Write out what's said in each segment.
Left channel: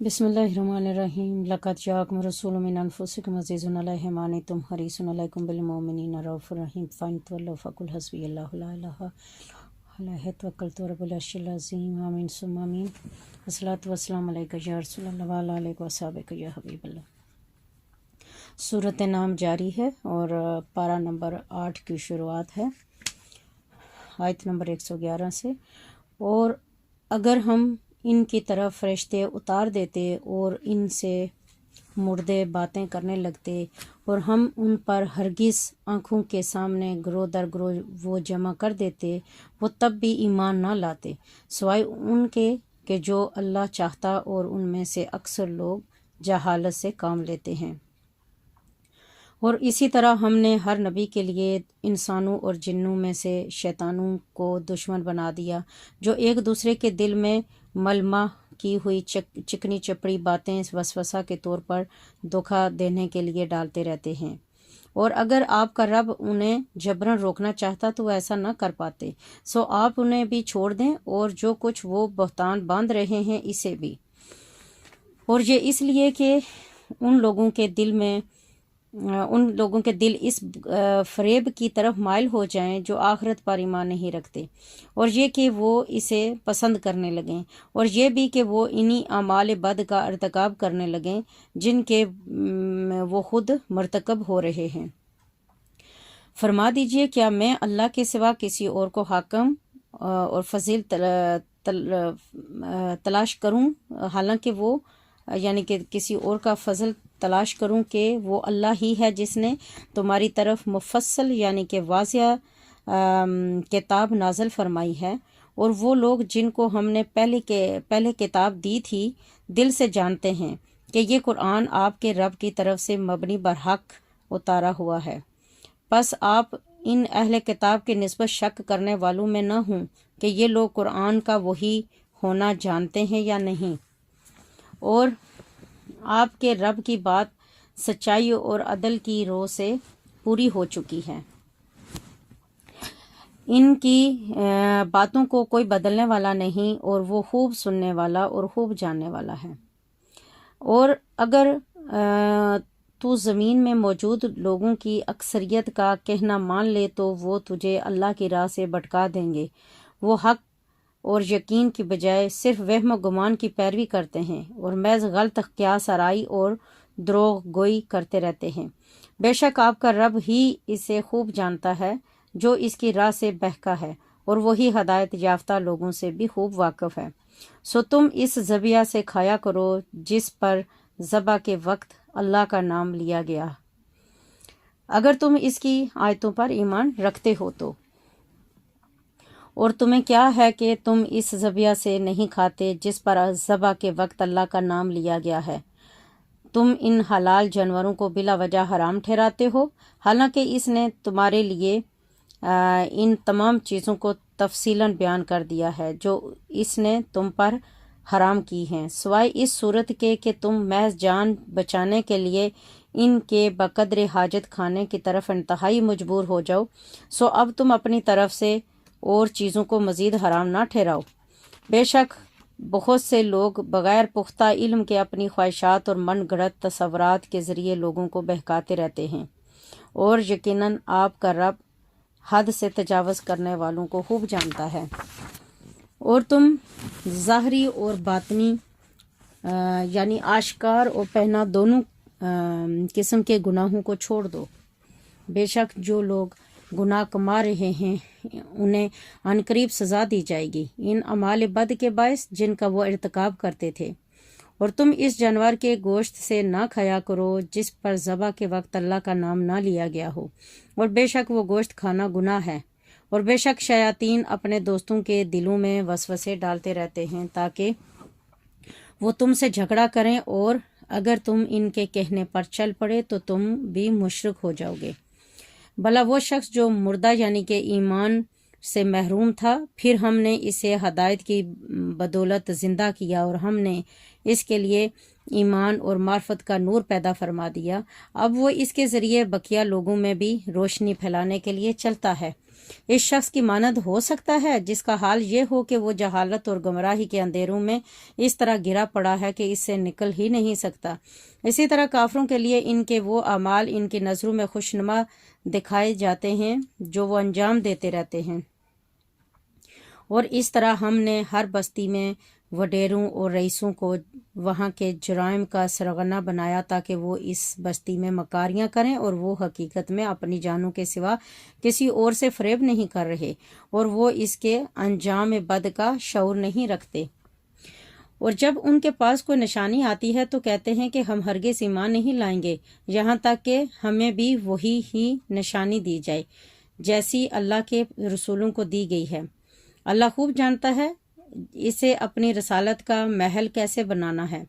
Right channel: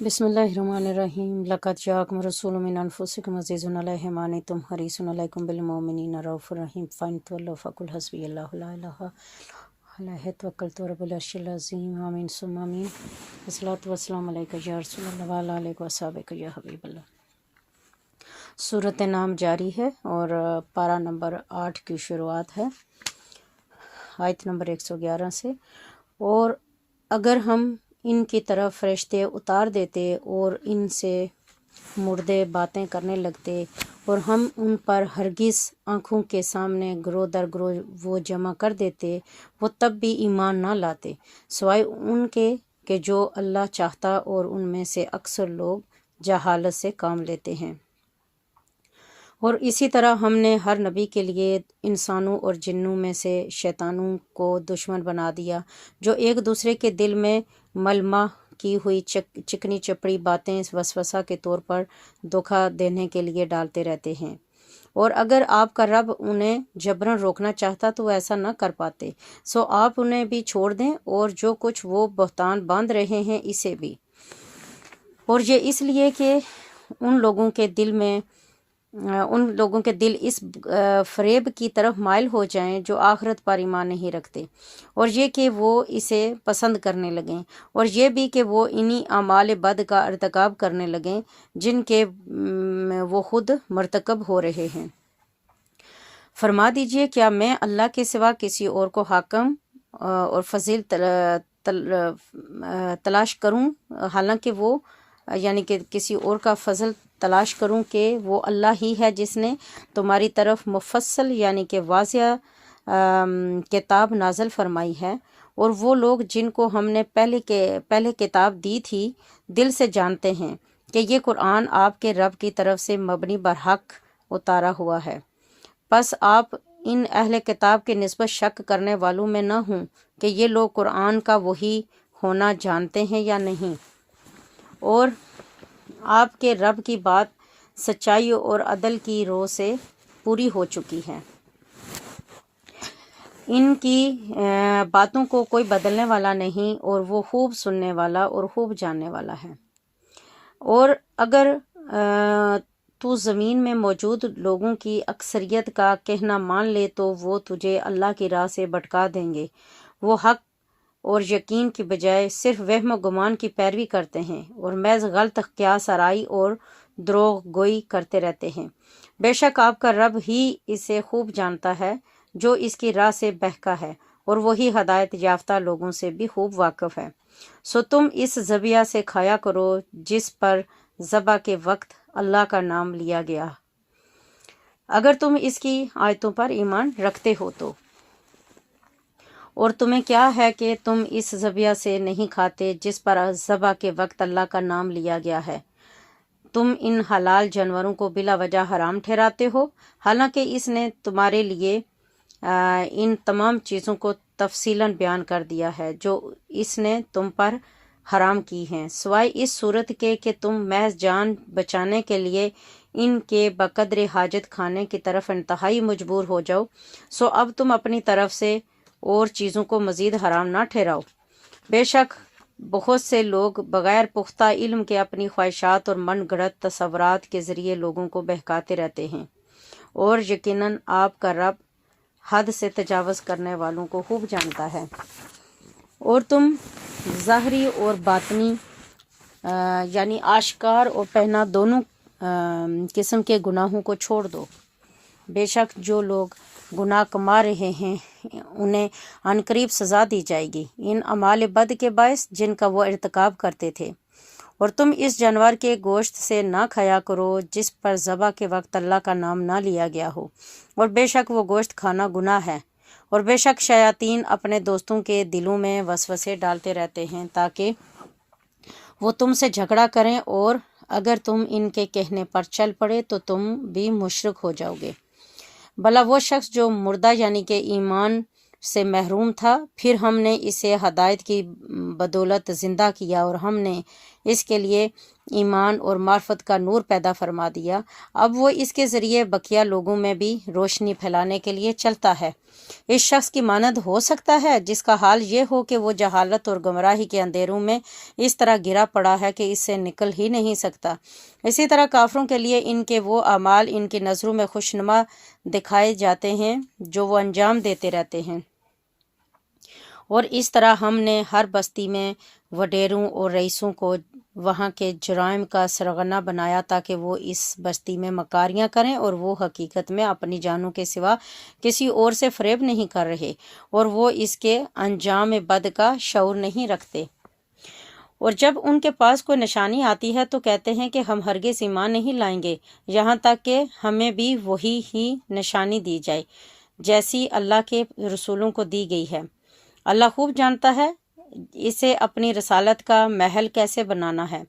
بسم اللہ الرحمن الرحیم لقد جاءکم رسول من انفسکم عزیز علیہ ما عنتم حریص علیکم بالمؤمنین رؤوف رحیم فإن تولوا فقل حسبی اللہ لا الہ علیہ توکلت ورب العرش العظیم آمین ثم آمین والصلاۃ والسلام علیک یا رسول اللہ وعلی آلک وصحبک یا حبیب اللہ۔ سورۃ نام جاری ہے اور پارہ نمبر 8 کی شروعات ہے آیت نمبر 111 سے۔ اور اگر ہم ان کی طرف فرشتے اتار دیتے اور ان سے مردے باتیں کرنے لگتے اور ہم ان پر ہرگز آنکھوں کے سامنے گروہ در گروہ وہ جمع کر دیتے، وہ تب بھی ایمان نہ لاتے سوائے ان کے کہ جو اللہ چاہتا، اور ان میں سے اکثر لوگ جہالت سے کام لیتے ہیں۔ اور اسی طرح ہم نے ہر نبی کے لیے انسانوں اور جنوں میں سے شیطانوں کو دشمن بنا دیا، جو ایک دوسرے کے دل میں ملمہ کی ہوئی چکنی چپڑی باتیں وسوسہ کے طور پر دھوکہ دینے کے لیے ڈالتے رہتے ہیں۔ اور اگر آپ کا رب انہیں جبراً روکنا چاہتا تو وہ ایسا نہ کر پاتے، سو آپ انہیں بھی چھوڑ دیں، اور جو کچھ وہ بہتان باندھ رہے ہیں اسے بھی۔ اور یہ اس لیے کہ ان لوگوں کے دل اس فریب کی طرف مائل ہو جائیں جو آخرت پر ایمان نہیں رکھتے، اور یہ کہ وہ اسے پسند کرنے لگیں، اور یہ بھی کہ وہ انہی اعمال بد کا ارتکاب کرنے لگیں جن کے وہ خود مرتکب ہو رہے ہیں۔ فرما دیجئے، کیا میں اللہ کے سوا کسی اور کو حاکم اور فضیل تلاش کروں، حالانکہ وہ یعنی کہ کسی اور کا فضل تلاش کروں کہ وہ اللہ ہی ہے جس نے تمہاری طرف مفصل یعنی کہ واضح کتاب نازل فرمائی ہے، اور وہ لوگ جن کو ہم نے پہلے کتاب دی تھی دل سے جانتے ہیں کہ یہ قرآن آپ کے رب کی طرف سے مبنی برحق اتارا ہوا ہے۔ پس آپ ان اہل کتاب کی نسبت شک کرنے والوں میں نہ ہوں کہ یہ لوگ قرآن کا وحی ہونا جانتے ہیں یا نہیں، اور آپ کے رب کی بات سچائی اور عدل کی رو سے پوری ہو چکی ہے۔ ان کی باتوں کو کوئی بدلنے والا نہیں، اور وہ خوب سننے والا اور خوب جاننے والا ہے۔ اور اگر تو زمین میں موجود لوگوں کی اکثریت کا کہنا مان لے تو وہ تجھے اللہ کی راہ سے بھٹکا دیں گے۔ وہ حق اور یقین کی بجائے صرف وہم و گمان کی پیروی کرتے ہیں، اور محض غلط قیاس آرائی اور دروغ گوئی کرتے رہتے ہیں۔ بے شک آپ کا رب ہی اسے خوب جانتا ہے جو اس کی راہ سے بہکا ہے، اور وہی ہدایت یافتہ لوگوں سے بھی خوب واقف ہے۔ سو تم اس ذبیحہ سے کھایا کرو جس پر ذبح کے وقت اللہ کا نام لیا گیا، اگر تم اس کی آیتوں پر ایمان رکھتے ہو تو۔ اور تمہیں کیا ہے کہ تم اس ذبیحہ سے نہیں کھاتے جس پر ذبح کے وقت اللہ کا نام لیا گیا ہے؟ تم ان حلال جانوروں کو بلا وجہ حرام ٹھہراتے ہو، حالانکہ اس نے تمہارے لیے ان تمام چیزوں کو تفصیلاً بیان کر دیا ہے جو اس نے تم پر حرام کی ہیں، سوائے اس صورت کے کہ تم محض جان بچانے کے لیے ان کے بقدر حاجت کھانے کی طرف انتہائی مجبور ہو جاؤ، سو اب تم اپنی طرف سے اور چیزوں کو مزید حرام نہ ٹھہراؤ۔ بے شک بہت سے لوگ بغیر پختہ علم کے اپنی خواہشات اور من گھڑت تصورات کے ذریعے لوگوں کو بہکاتے رہتے ہیں، اور یقیناً آپ کا رب حد سے تجاوز کرنے والوں کو خوب جانتا ہے۔ اور تم ظاہری اور باطنی یعنی آشکار اور پہنا دونوں قسم کے گناہوں کو چھوڑ دو۔ بے شک جو لوگ گناہ کما رہے ہیں انہیں عنقریب سزا دی جائے گی ان اعمال بد کے باعث جن کا وہ ارتکاب کرتے تھے۔ اور تم اس جانور کے گوشت سے نہ کھایا کرو جس پر ذبح کے وقت اللہ کا نام نہ لیا گیا ہو، اور بے شک وہ گوشت کھانا گناہ ہے۔ اور بے شک شیاطین اپنے دوستوں کے دلوں میں وسوسے ڈالتے رہتے ہیں تاکہ وہ تم سے جھگڑا کریں، اور اگر تم ان کے کہنے پر چل پڑے تو تم بھی مشرک ہو جاؤ گے۔ بھلا وہ شخص جو مردہ یعنی کہ ایمان سے محروم تھا، پھر ہم نے اسے ہدایت کی بدولت زندہ کیا، اور ہم نے اس کے لیے ایمان اور معرفت کا نور پیدا فرما دیا، اب وہ اس کے ذریعے بقیہ لوگوں میں بھی روشنی پھیلانے کے لیے چلتا ہے۔ اس شخص کی مانند ہو سکتا ہے جس کا حال یہ ہو کہ وہ جہالت اور گمراہی کے اندھیروں میں اس طرح گرا پڑا ہے کہ اس سے نکل ہی نہیں سکتا۔ اسی طرح کافروں کے لیے ان کے وہ اعمال ان کی نظروں میں خوشنما دکھائے جاتے ہیں جو وہ انجام دیتے رہتے ہیں، اور اس طرح ہم نے ہر بستی میں وڈیروں اور رئیسوں کو وہاں کے جرائم کا سرغنہ بنایا تاکہ وہ اس بستی میں مکاریاں کریں، اور وہ حقیقت میں اپنی جانوں کے سوا کسی اور سے فریب نہیں کر رہے، اور وہ اس کے انجام بد کا شعور نہیں رکھتے۔ اور جب ان کے پاس کوئی نشانی آتی ہے تو کہتے ہیں کہ ہم ہرگز ایمان نہیں لائیں گے یہاں تک کہ ہمیں بھی وہی ہی نشانی دی جائے جیسی اللہ کے رسولوں کو دی گئی ہے۔ اللہ خوب جانتا ہے اسے اپنی رسالت کا محل کیسے بنانا ہے۔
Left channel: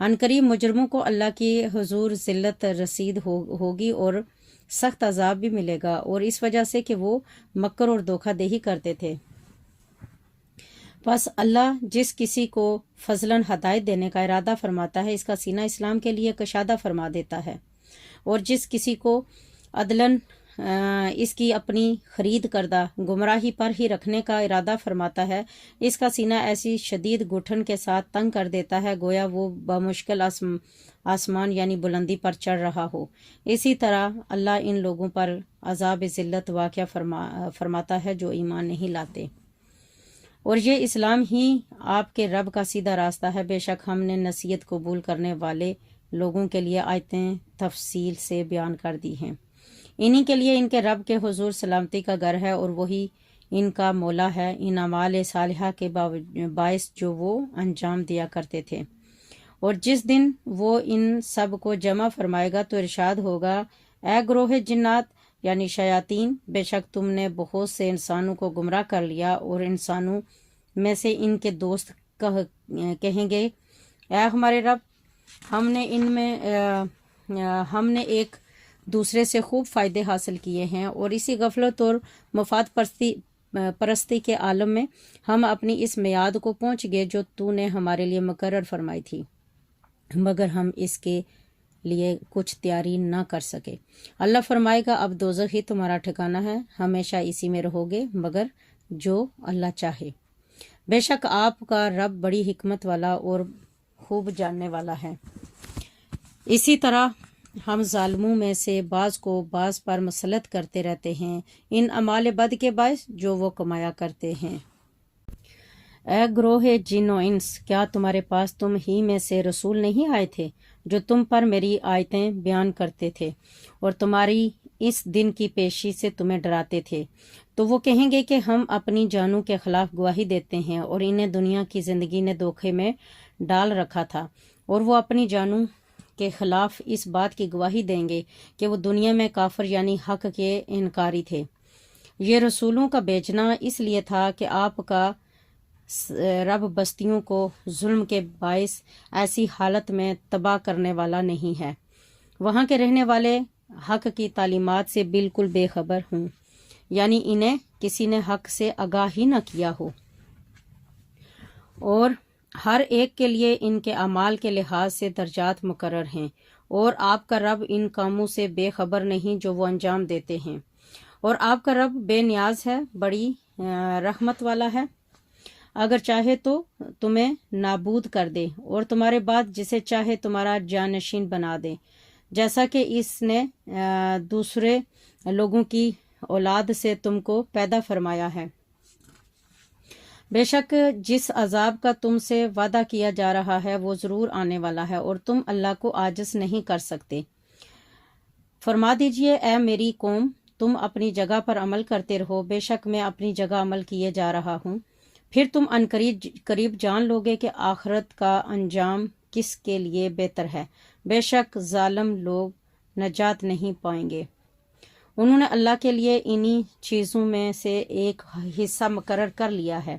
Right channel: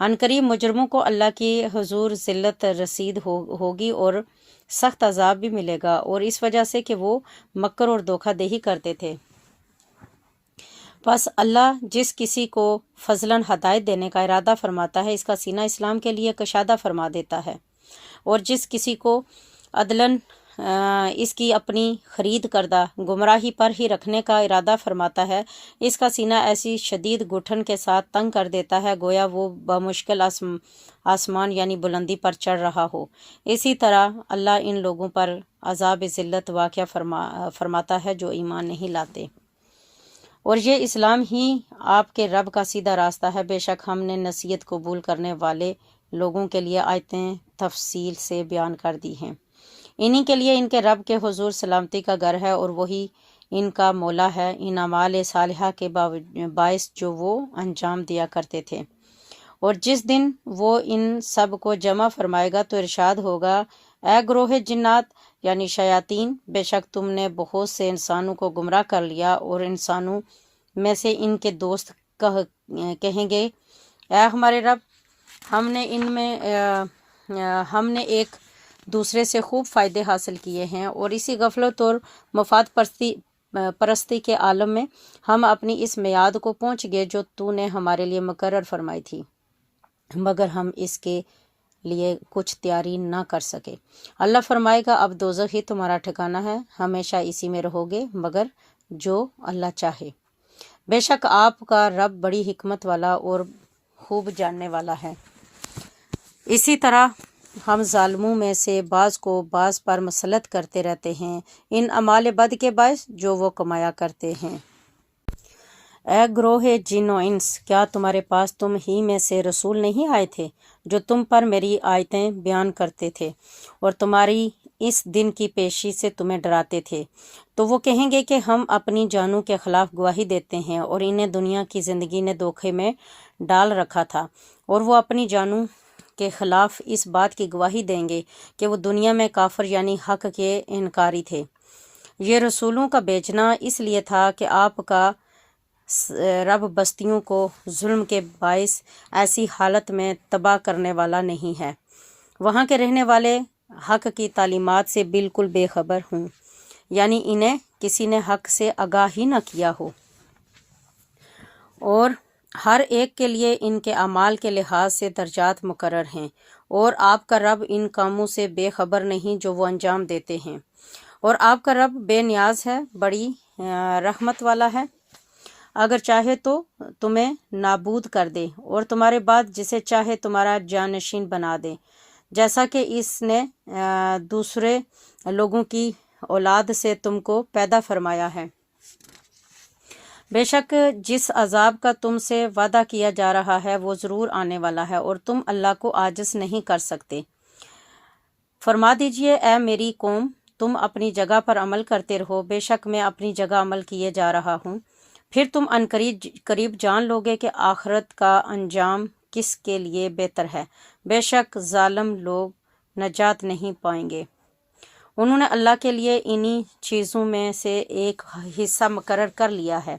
عنقریب مجرموں کو اللہ کی حضور ذلت رسید ہوگی اور سخت عذاب بھی ملے گا، اور اس وجہ سے کہ وہ مکر اور دھوکہ دہی کرتے تھے۔ پس اللہ جس کسی کو فضلاً ہدایت دینے کا ارادہ فرماتا ہے اس کا سینہ اسلام کے لیے کشادہ فرما دیتا ہے، اور جس کسی کو عدلاً اس کی اپنی خرید کردہ گمراہی پر ہی رکھنے کا ارادہ فرماتا ہے اس کا سینہ ایسی شدید گٹھن کے ساتھ تنگ کر دیتا ہے گویا وہ بمشکل آسمان یعنی بلندی پر چڑھ رہا ہو۔ اسی طرح اللہ ان لوگوں پر عذاب ذلت واقع فرماتا ہے جو ایمان نہیں لاتے۔ اور یہ اسلام ہی آپ کے رب کا سیدھا راستہ ہے۔ بے شک ہم نے نصیحت قبول کرنے والے لوگوں کے لیے آیتیں تفصیل سے بیان کر دی ہیں۔ انہی کے لیے ان کے رب کے حضور سلامتی کا گھر ہے، اور وہی ان کا مولا ہے ان اعمال صالحہ کے باعث جو وہ انجام دیا کرتے تھے۔ اور جس دن وہ ان سب کو جمع فرمائے گا تو ارشاد ہوگا، اے گروہ جنات یعنی شیاطین، بے شک تم نے بہت سے انسانوں کو گمراہ کر لیا، اور انسانوں میں سے ان کے دوست کہیں گے، اے ہمارے رب، ہم نے ایک دوسرے سے خوب فائدے حاصل کیے ہیں، اور اسی غفلت اور مفاد پرستی کے عالم میں ہم اپنی اس میعاد کو پہنچ گئے جو تو نے ہمارے لیے مقرر فرمائی تھی، مگر ہم اس کے لیے کچھ تیاری نہ کر سکے۔ اللہ فرمائے گا، اب دوزخ ہی تمہارا ٹھکانہ ہے، ہمیشہ اسی میں رہو گے مگر جو اللہ چاہے۔ بے شک آپ کا رب بڑی حکمت والا اور خوب جاننے والا ہے۔ اسی طرح ہم ظالموں میں سے بعض کو بعض پر مسلط کرتے رہتے ہیں ان اعمال بد کے باعث جو وہ کمایا کرتے ہیں۔ اے گروہ جن و انس، کیا تمہارے پاس تم ہی میں سے رسول نہیں آئے تھے جو تم پر میری آیتیں بیان کرتے تھے اور تمہاری اس دن کی پیشی سے تمہیں ڈراتے تھے؟ تو وہ کہیں گے کہ ہم اپنی جانوں کے خلاف گواہی دیتے ہیں، اور انہیں دنیا کی زندگی نے دھوکے میں ڈال رکھا تھا، اور وہ اپنی جانوں کے خلاف اس بات کی گواہی دیں گے کہ وہ دنیا میں کافر یعنی حق کے انکاری تھے۔ یہ رسولوں کا بھیجنا اس لیے تھا کہ آپ کا رب بستیوں کو ظلم کے باعث ایسی حالت میں تباہ کرنے والا نہیں ہے وہاں کے رہنے والے حق کی تعلیمات سے بالکل بے خبر ہوں، یعنی انہیں کسی نے حق سے آگاہ ہی نہ کیا ہو، اور ہر ایک کے لیے ان کے اعمال کے لحاظ سے درجات مقرر ہیں، اور آپ کا رب ان کاموں سے بے خبر نہیں جو وہ انجام دیتے ہیں، اور آپ کا رب بے نیاز ہے، بڑی رحمت والا ہے۔ اگر چاہے تو تمہیں نابود کر دے اور تمہارے بعد جسے چاہے تمہارا جانشین بنا دے، جیسا کہ اس نے دوسرے لوگوں کی اولاد سے تم کو پیدا فرمایا ہے۔ بے شک جس عذاب کا تم سے وعدہ کیا جا رہا ہے وہ ضرور آنے والا ہے، اور تم اللہ کو عاجز نہیں کر سکتے۔ فرما دیجئے، اے میری قوم، تم اپنی جگہ پر عمل کرتے رہو، بے شک میں اپنی جگہ عمل کیے جا رہا ہوں، پھر تم قریب جان لوگے کہ آخرت کا انجام کس کے لیے بہتر ہے۔ بے شک ظالم لوگ نجات نہیں پائیں گے۔ انہوں نے اللہ کے لیے انہی چیزوں میں سے ایک حصہ مقرر کر لیا ہے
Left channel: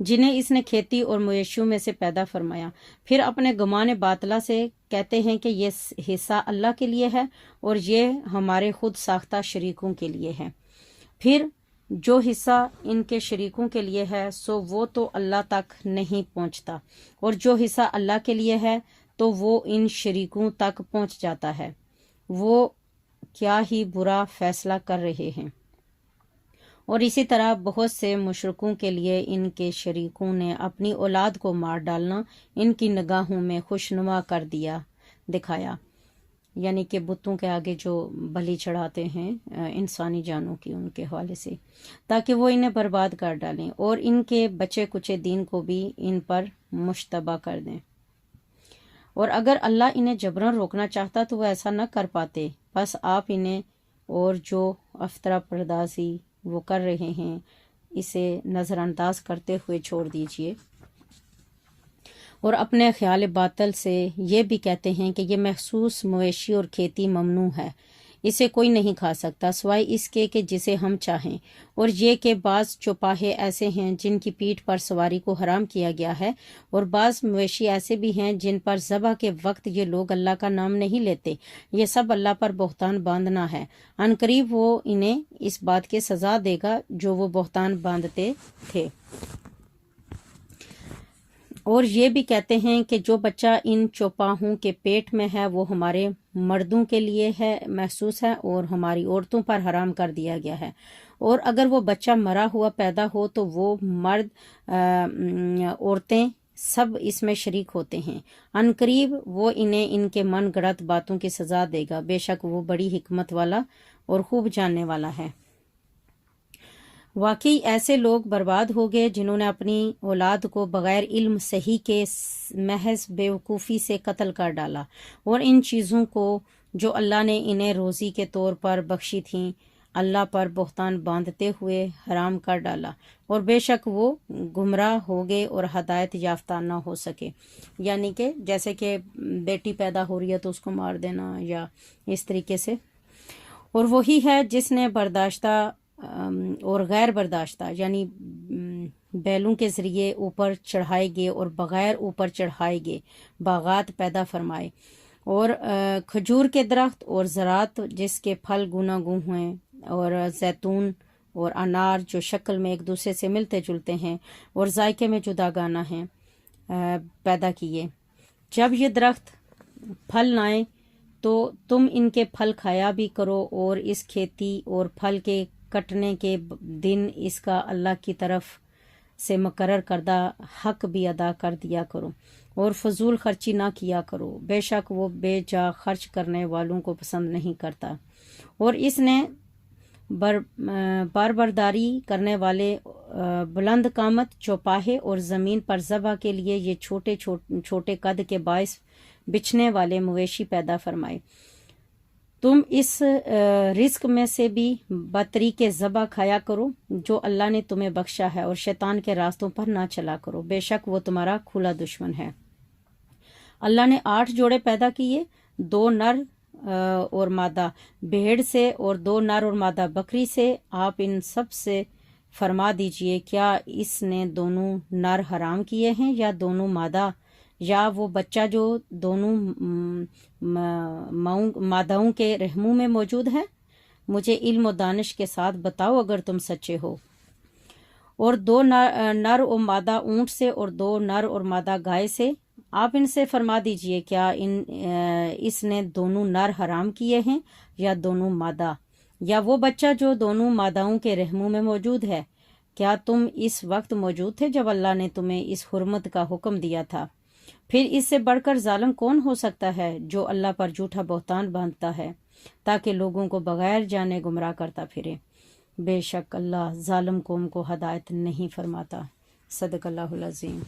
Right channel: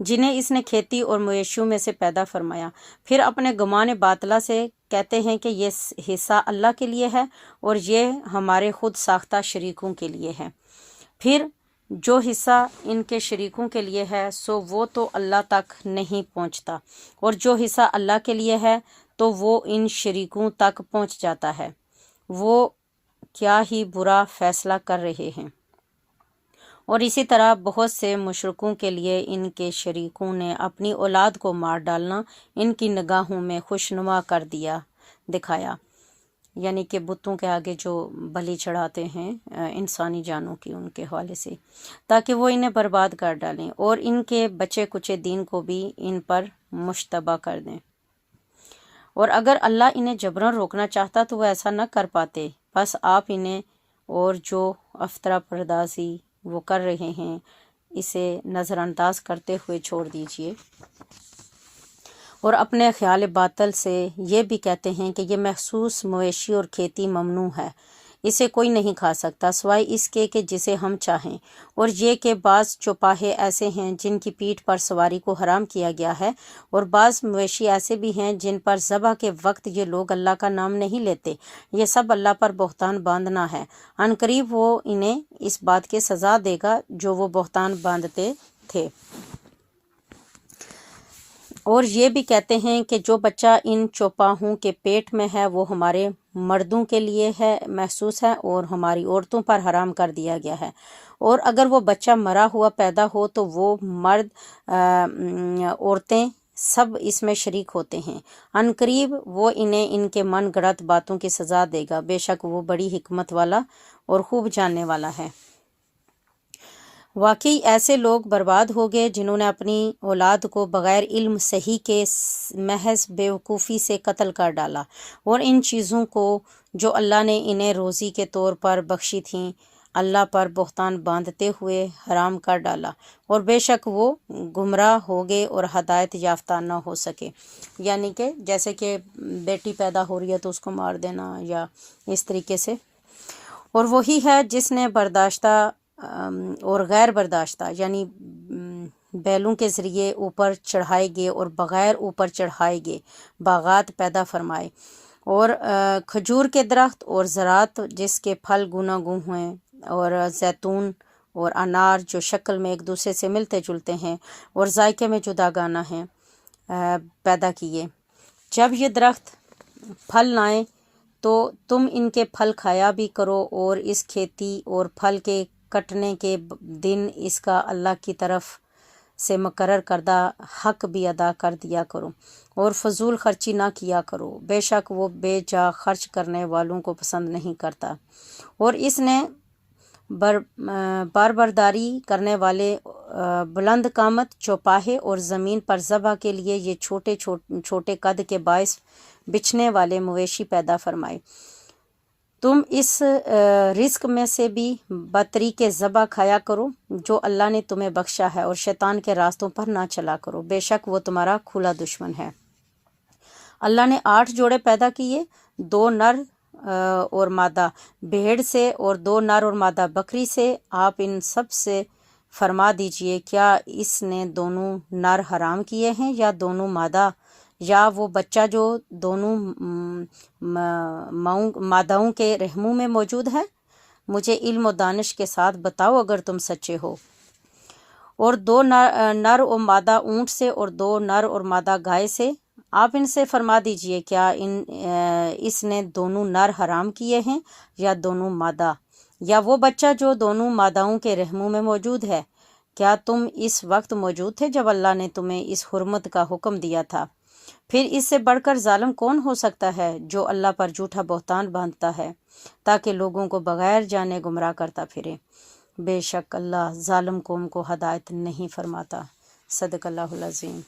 جنہیں اس نے کھیتی اور مویشیوں میں سے پیدا فرمایا، پھر اپنے گمان باطلہ سے کہتے ہیں کہ یہ حصہ اللہ کے لیے ہے اور یہ ہمارے خود ساختہ شریکوں کے لیے ہے۔ پھر جو حصہ ان کے شریکوں کے لیے ہے سو وہ تو اللہ تک نہیں پہنچتا، اور جو حصہ اللہ کے لیے ہے تو وہ ان شریکوں تک پہنچ جاتا ہے۔ وہ کیا ہی برا فیصلہ کر رہے ہیں۔ اور اسی طرح بہت سے مشرکوں کے لیے ان کے شریکوں نے اپنی اولاد کو مار ڈالنا ان کی نگاہوں میں خوشنما کر دکھایا، یعنی کہ بتوں کے آگے جو بلی چڑھاتے ہیں انسانی جانوں کی، ان کے حوالے سے، تاکہ وہ انہیں برباد کر ڈالیں اور ان کے بچے کچے دین کو بھی ان پر مشتبہ کر دیں۔ اور اگر اللہ انہیں جبراً روکنا چاہتا تو وہ ایسا نہ کر پاتے، بس آپ انہیں اور جو افطرا پردازی وہ کر رہے ہیں اسے نظر انداز کرتے ہوئے چھوڑ دیجئے۔ اور اپنے خیال باطل سے یہ بھی کہتے ہیں کہ یہ مخصوص مویشی اور کھیتی ممنوع ہے، اسے کوئی نہیں کھا سکتا سوائے اس کے کہ جسے ہم چاہیں، اور یہ کہ بعض چوپاہے ایسے ہیں جن کی پیٹھ پر سواری کو حرام کیا گیا ہے، اور بعض مویشی ایسے بھی ہیں جن پر ذبح کے وقت یہ لوگ اللہ کا نام نہیں لیتے، یہ سب اللہ پر بہتان باندھنا ہے، عن قریب وہ انہیں اس بات کی سزا دے گا جو وہ بہتان باندھتے تھے۔ اور یہ بھی کہتے ہیں کہ جو بچہ ان چوپاہوں کے پیٹ میں ہے وہ ہمارے مردوں کے لیے ہے، محسوس ہے، اور ہماری عورتوں پر حرام کر دیا گیا ہے، اور اگر وہ بچہ مرا ہوا پیدا ہو تو وہ مرد عورتیں سب اس میں شریک ہوتے ہیں، عن قریب وہ انہیں ان کے من گڑت باتوں کی سزا دے گا، بے شک وہ بڑی حکمت والا اور خوب جاننے والا ہے۔ واقعی ایسے لوگ برباد ہو گئے جنہوں نے اپنی اولاد کو بغیر علم صحیح کے محض بیوقوفی سے قتل کر ڈالا، اور ان چیزوں کو جو اللہ نے انہیں روزی کے طور پر بخشی تھیں اللہ پر بہتان باندھتے ہوئے حرام کر ڈالا، اور بے شک وہ گمراہ ہو گئے اور ہدایت یافتہ نہ ہو سکے۔ یعنی کہ جیسے کہ بیٹی پیدا ہو رہی ہے تو اس کو مار دینا یا اس طریقے سے۔ اور وہی ہے جس نے برداشتہ اور غیر برداشتہ یعنی بیلوں کے ذریعے اوپر چڑھائے گئے اور بغیر اوپر چڑھائے گئے باغات پیدا فرمائے، اور کھجور کے درخت اور زراعت جس کے پھل گوناگوں ہیں، اور زیتون اور انار جو شکل میں ایک دوسرے سے ملتے جلتے ہیں اور ذائقے میں جداگانہ ہیں پیدا کیے۔ جب یہ درخت پھل لائیں تو تم ان کے پھل کھایا بھی کرو، اور اس کھیتی اور پھل کے کٹنے کے دن اس کا اللہ کی طرف سے مقرر کردہ حق بھی ادا کر دیا کرو، اور فضول خرچی نہ کیا کرو، بے شک وہ بے جا خرچ کرنے والوں کو پسند نہیں کرتا۔ اور اس نے باربرداری کرنے والے بلند قامت چوپاہے اور زمین پر ذبح کے لیے یہ چھوٹے چھوٹے قد کے باعث بچھنے والے مویشی پیدا فرمائے۔ تم اس رزق میں سے بھی بطریق ذبح کھایا کرو جو اللہ نے تمہیں بخشا ہے، اور شیطان کے راستوں پر نہ چلا کرو، بے شک وہ تمہارا کھلا دشمن ہے۔ اللہ نے 8 جوڑے پیدا کیے، 2 نر اور مادہ بھیڑ سے اور 2 نر اور مادہ بکری سے۔ آپ ان سب سے فرما دیجئے کیا اس نے دونوں نر حرام کیے ہیں یا دونوں مادہ، یا وہ بچہ جو دونوں ماداؤں کے رحموں میں موجود ہے؟ مجھے علم و دانش کے ساتھ بتاؤ اگر تم سچے ہو۔ اور 2 نر اور مادہ اونٹ سے اور 2 نر اور مادہ گائے سے۔ آپ ان سے فرما دیجئے کیا اس نے دونوں نر حرام کیے ہیں یا دونوں مادہ، یا وہ بچہ جو دونوں ماداؤں کے رحموں میں موجود ہے؟ کیا تم اس وقت موجود تھے جب اللہ نے تمہیں اس حرمت کا حکم دیا تھا؟ پھر اس سے بڑھ کر ظالم کون ہو سکتا ہے جو اللہ پر جھوٹا بہتان باندھتا ہے تاکہ لوگوں کو بغیر جانے گمراہ کرتا پھرے؟ بے شک اللہ ظالم قوم کو ہدایت نہیں فرماتا۔ صدق اللہ العظیم۔